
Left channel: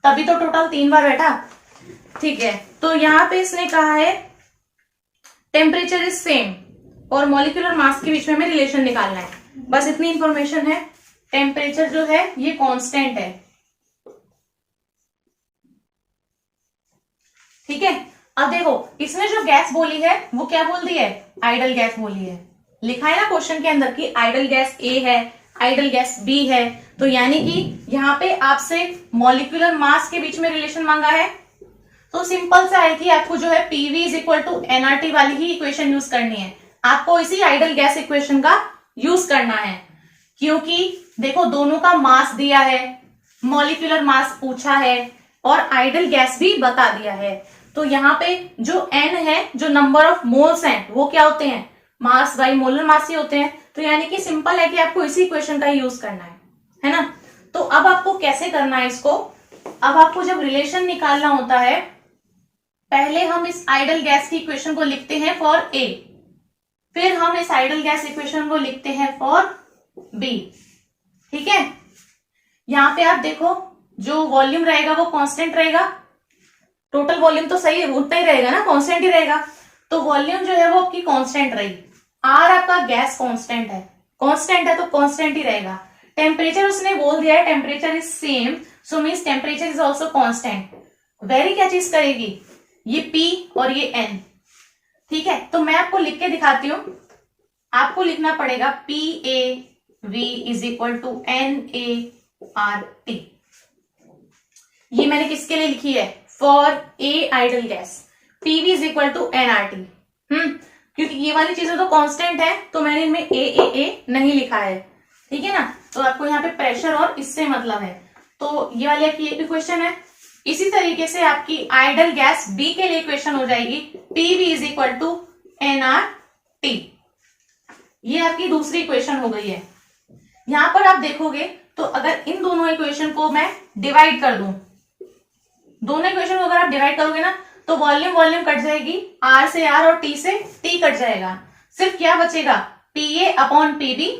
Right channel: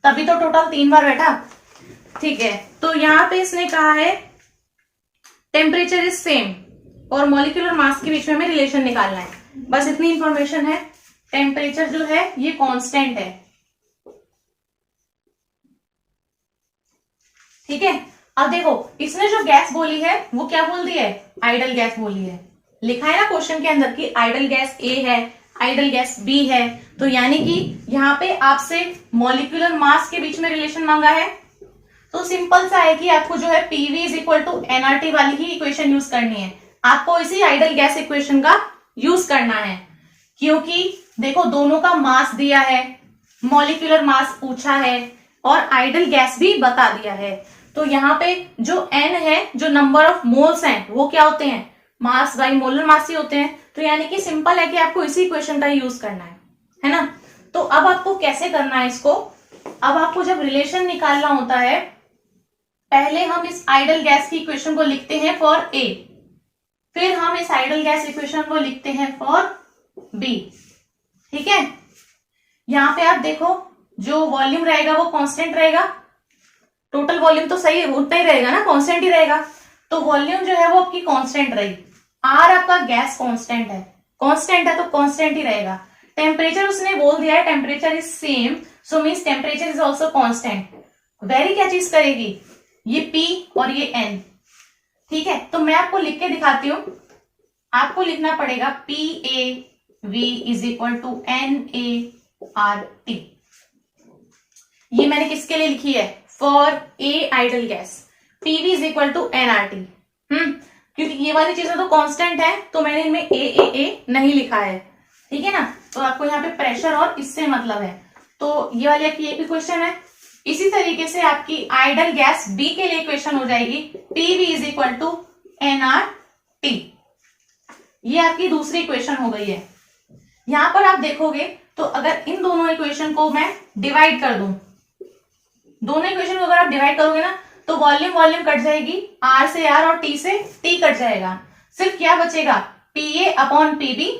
तभी तो टोटल 3 बार बैठा। ठीक है, तो यहां पे इसने कहा है टेम्परेचर इज सेम और मॉलिक्यूलर मास के बीच में हमें रिलेशन निकालना है, बस इतनी इंफॉर्मेशन है। टेम्परेचर जो है ये कांस्टेंट है। ठीक है, अब देखो इसने जो गैस बोली है वो क्या बोल दी है, आइडल गैस बोली है। लिखा है ना क्वेश्चन के अंदर कि आइडल गैस ए है, आइडल गैस बी है, तो यानी कि यहाँ पे आपसे मॉलिक्यूलर मास के बीच में रिलेशन मांगा है। तो सिंपल सा है कि आपको जो है PV is equal to NRT वाली ही इक्वेशन यूज करनी है, आपको इसी आइडल गैस इक्वेशन का यूज करना है, क्योंकि देखो दोनों का मास दिया है, मॉलिक्यूलर मास पूछा है और आइडल गैस भी बता दिया है। तो यहाँ पे जो n है, जो नंबर ऑफ मोल्स हैं, वो क्या होते हैं, मास बाई मोलर मास ही होते हैं। तो यानी कि सिंपल है कि आपको इसी इक्वेशन का यूज करना है ना। तो अब आपको कैसे करना है इसको, अब आपको जब रिलेशन निकालना होता है, पहले हम इस आइडल गैस की इक्वेशन को लिखते हैं फॉर ए, फिर हम इस आइडल गैस इक्वेशन को लिखते हैं फॉर बी। ठीक है, यहां पे आप देखो जो वॉल्यूम रहेगा वो कांस्टेंट रहेगा, टोटल वॉल्यूम तो सही उतना ही रहेगा ना, कांस्टेंट ही रहेगा। तो वॉल्यूम जो है वो आपकी कांस्टेंट रही, आर आपका गैस कांस्टेंट है, कांस्टेंट है तो कांस्टेंट ही रहेगा। टेम्परेचर उसने बोल दिया है temperature is same, so means temperature is also constant. Very क्या चीज करेगी, ये P और ये N। ठीक है, तो मैं आपको लिख के दिखाती हूं। आपको लिखना पड़ेगा PAV is equal to NaRT। ये मैंने किसके लिए लिखी है, for a ideal gas, PV is equal to NRT। क्योंकि ये वाली चीजें तो कांस्टेंट है, तो मैंने इनमें A नहीं लिखा है। ठीक है ना, तो आपको यहाँ पे प्रेशर और इससे मतलब है। तो ये वाली आपकी एक इक्वेशन है। इसी तरीके से आपकी आइडल गैस बी के लिए इक्वेशन हो जाएगी PV is equal to NRT। ये आपकी दूसरी इक्वेशन हो गई है। यहां पर आप देखोगे तो अगर इन दोनों इक्वेशन को मैं डिवाइड कर दूं, दोनों इक्वेशन को अगर आप डिवाइड करोगे ना, तो वॉल्यूम कट जाएगी, R से R और T से T कट जाएगा। सिर्फ क्या बचेगा, PA अपॉन PB।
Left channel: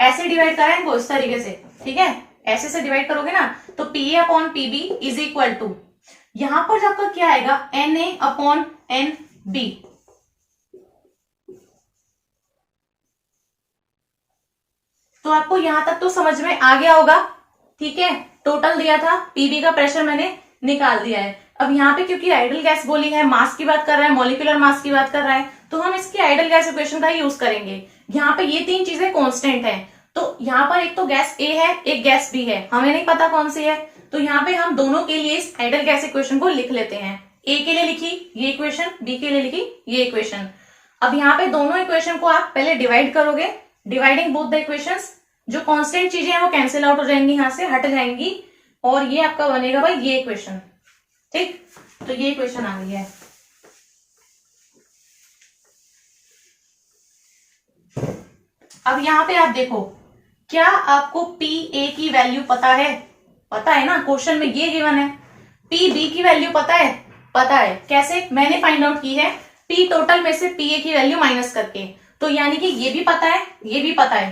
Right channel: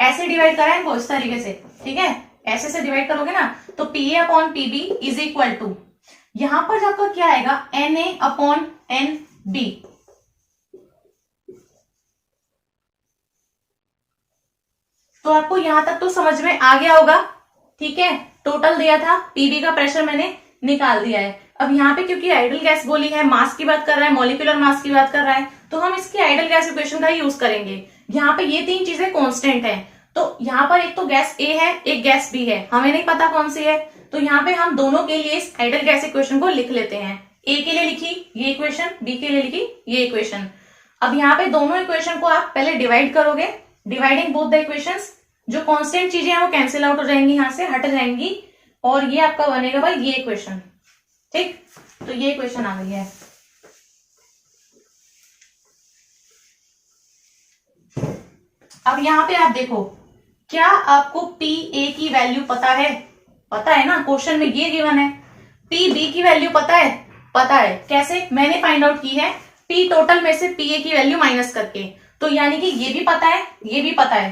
ऐसे डिवाइड करा है इनको इस तरीके से। ठीक है, ऐसे से डिवाइड करोगे ना, तो PA upon PB is equal to, यहां पर जाकर क्या आएगा, NA अपॉन NB। तो आपको यहां तक तो समझ में आ गया होगा। ठीक है, टोटल दिया था, PB का प्रेशर मैंने निकाल दिया है। अब यहाँ पे क्योंकि आइडल गैस बोली है, मास की बात कर रहा है, मॉलिक्यूलर मास की बात कर रहा है, तो हम इसकी आइडल गैस इक्वेशन का यूज करेंगे। यहाँ पे ये तीन चीजें कांस्टेंट हैं, तो यहाँ पर एक तो गैस ए है, एक गैस बी है, हमें नहीं पता कौन सी है। तो यहाँ पे हम दोनों के लिए इस आइडल गैस इक्वेशन को लिख लेते हैं। ए के लिए लिखी ये इक्वेशन, बी के लिए लिखी ये इक्वेशन। अब यहाँ पे दोनों इक्वेशन को आप पहले डिवाइड करोगे, डिवाइडिंग बोथ द इक्वेशंस, जो कांस्टेंट चीजें हैं वो कैंसिल आउट हो जाएंगी, यहां से हट जाएंगी, और ये आपका बनेगा भाई ये इक्वेशन। ठीक, तो ये इक्वेशन आ गई है। अब यहां पे आप देखो, क्या आपको PA की वैल्यू पता है, पता है ना, क्वेश्चन में ये गिवन है। PB की वैल्यू पता है, पता है। कैसे, मैंने फाइंड आउट की है, P टोटल में से PA की वैल्यू माइनस करके। तो यानी कि ये भी पता है, ये भी पता है।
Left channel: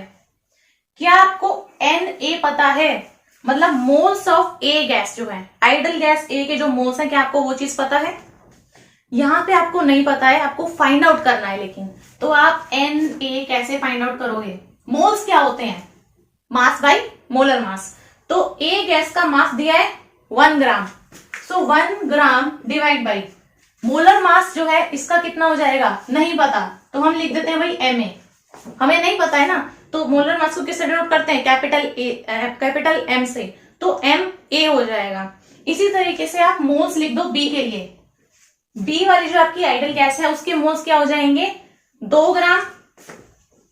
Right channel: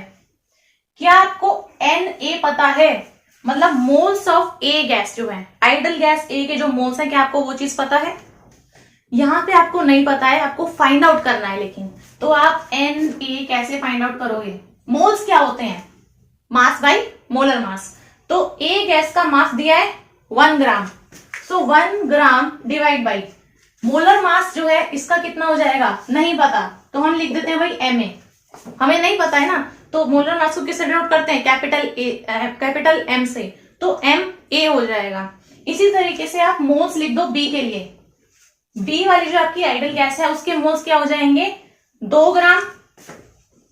क्या आपको Na पता है, मतलब मोल्स ऑफ ए गैस जो है, आइडल गैस ए के जो मोल्स हैं, क्या आपको वो चीज पता है? यहां पे आपको नहीं पता है, आपको फाइंड आउट करना है। लेकिन तो आप Na कैसे फाइंड आउट करोगे, मोल्स क्या होते हैं, मास बाई मोलर मास। तो ए गैस का मास दिया है 1 ग्राम, सो 1 gram divide by molar mass जो है इसका कितना हो जाएगा, नहीं पता, तो हम लिख देते हैं भाई Ma। हमें नहीं पता है ना, तो मोलर मास को किससे डिनोट करते हैं, कैपिटल M से, तो Ma हो जाएगा। इसी तरीके से आप मोल्स लिख दो B के लिए। B वाली जो आपकी आइडल गैस है उसके मोल्स क्या हो जाएंगे, 2 ग्राम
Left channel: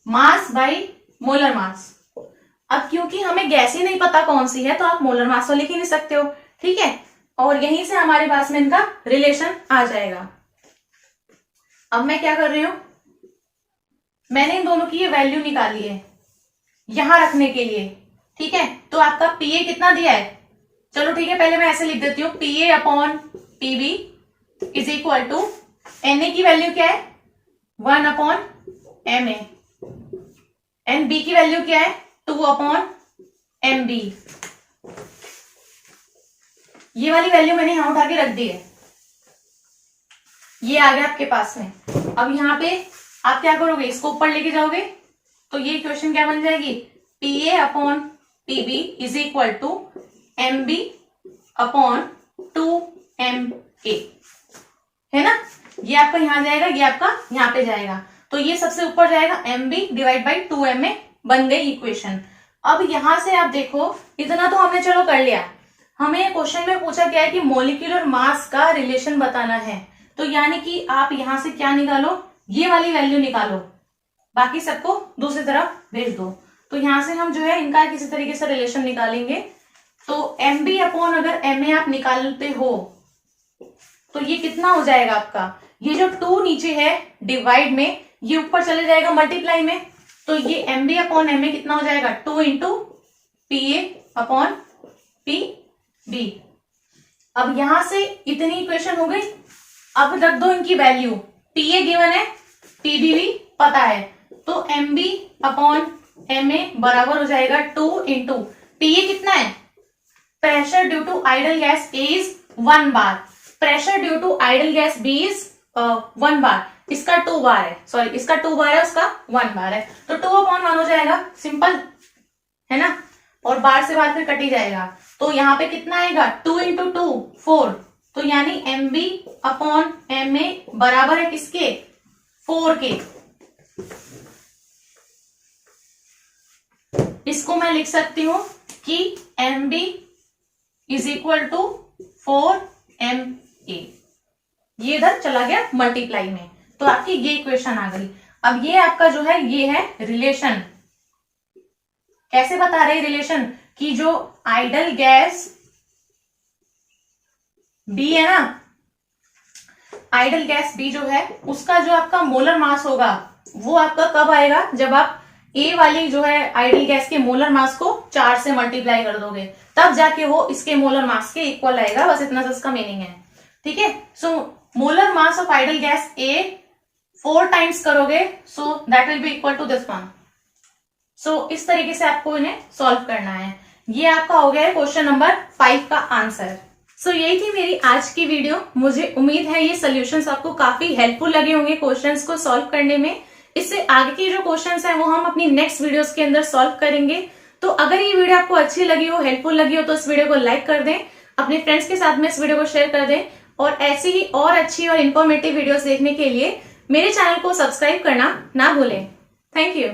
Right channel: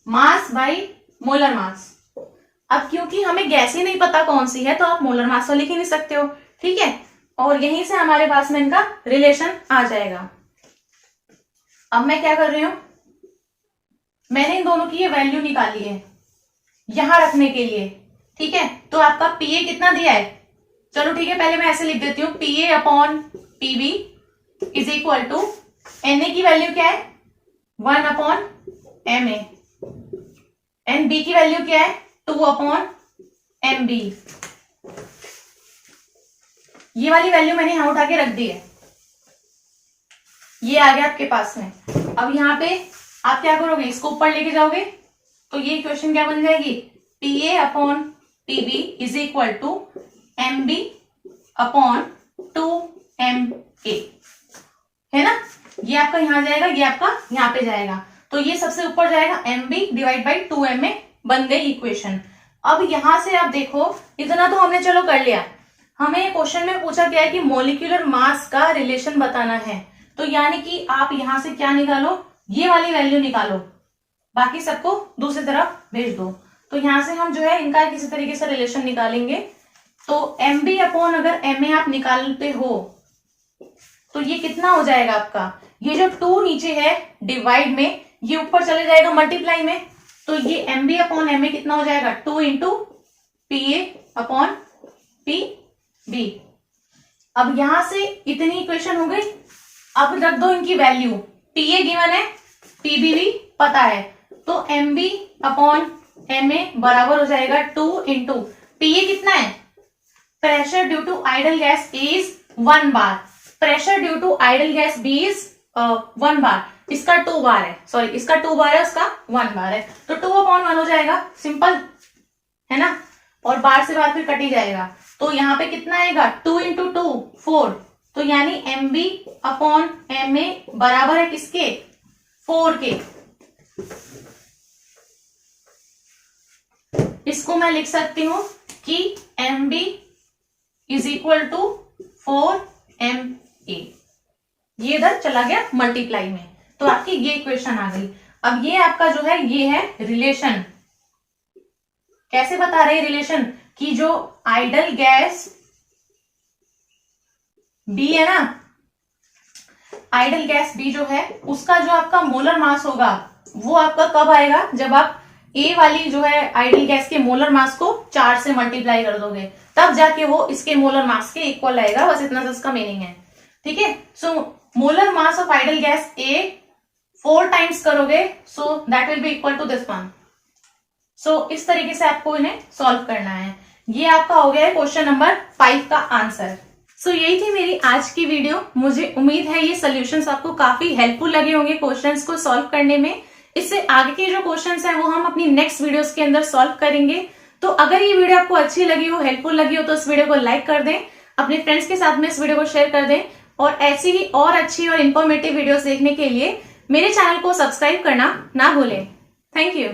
मास बाई मोलर मास। अब क्योंकि हमें गैस ही नहीं पता कौन सी है, तो आप मोलर मास तो लिख ही नहीं सकते हो। ठीक है, और यहीं से हमारे पास में इनका रिलेशन आ जाएगा। अब मैं क्या कर रही हूं, मैंने इन दोनों की ये वैल्यू निकाली है यहां रखने के लिए। ठीक है, तो आपका PA कितना दिया है, चलो ठीक है, पहले मैं ऐसे लिख देती हूँ, PA upon PB is equal to Na की वैल्यू क्या है, 1 अपॉन Ma, एंड B की वैल्यू क्या है, 2 अपॉन MB। ये वाली वैल्यू मैंने यहां उठा के रख दी है, ये आ गया आपके पास में। अब यहां पे आप क्या करोगे, इसको ऊपर लेके जाओगे, तो ये इक्वेशन क्या बन जाएगी, PA upon PB is equal to MB upon 2MA, है ना। ये आपका यहां जाएगा, ये आपका यहां पे जाएगा, तो ये सबसे ऊपर जाएगा, MB डिवाइड बाई 2MA बन गई इक्वेशन। अब यहां से आप देखो, इतना तो हमने चलो कर लिया। हमें क्वेश्चन में पूछा गया है कि मोलिकुलर मास का रिलेशन बताना है, तो यानी कि आप यहां से क्या निकालो, ये वाली वैल्यू निकालो, बाकी सबको दूसरी तरफ भेज दो। तो यहां से हम जो है इनका किसी तरीके से रिलेशन निकालेंगे। तो MB अपॉन अगर MA आप निकालते हो तो ये कितना हो जाएगा आपका, ये जो 2 नीचे है डिवाइड में, ये ऊपर चले जाएगा मल्टीप्लाई में, तो ये MB अपॉन MA कितना हो जाएगा 2 इंटू PA अपॉन PB। अब यहां से इतनी इक्वेशन हो गई। अब रख दो इनकी वैल्यू, PA गिवन है, PB भी पता है, तो MB अपॉन MA बराबर हो जाएगा 2 इंटू PA कितना है, pressure due to ideal gas A is 1 bar, pressure due to ideal gas B is 1 bar, इसका 2 बार है, सॉरी इसका 2 बार है, उसका 1 बार है, तो 2 अपॉन 1 हो जाएगा, सिंपल है ना, और बार से बार फिर कट ही जाएगा, तो यहाँ पे कितना आएगा 2 इंटू 2 4, तो यानी MB अपॉन MA बराबर है किसके 4 के। इसको मैं लिख सकती हूं कि MB is equal to 4MA, ये इधर चला गया मल्टीप्लाई में, तो आपकी ये इक्वेशन आ गई। अब ये आपका जो है ये है रिलेशन, कैसे बता रहे रिलेशन कि जो आइडल गैस B है ना, आइडल गैस B जो है उसका जो आपका मोलर मास होगा वो आपका कब आएगा, जब आप A वाली जो है आइडल गैस के मोलर मास को 4 से मल्टीप्लाई कर दोगे, तब जाके वो इसके मोलर मास के इक्वल आएगा, बस इतना सा इसका मीनिंग है, ठीक है। So molar mass of ideal gas A 4 times करोगे, so that will be equal to this one. सो इस तरीके से आपको इन्हें सॉल्व करना है। ये आपका हो गया है क्वेश्चन नंबर 5 का आंसर। सो यही थी मेरी आज की वीडियो। मुझे उम्मीद है ये सॉल्यूशंस आपको काफी हेल्पफुल लगे होंगे क्वेश्चंस को सॉल्व करने में। इससे आगे के जो क्वेश्चंस हैं वो हम अपनी नेक्स्ट वीडियोस के अंदर सॉल्व करेंगे। तो अगर ये वीडियो आपको अच्छी लगी हो, हेल्पफुल लगी हो, तो इस वीडियो को लाइक कर दें, अपने फ्रेंड्स के साथ में इस वीडियो को शेयर कर दें, और ऐसी ही और अच्छी और इन्फॉर्मेटिव वीडियोस देखने के लिए मेरे चैनल को सब्सक्राइब करना ना भूलें। Thank you.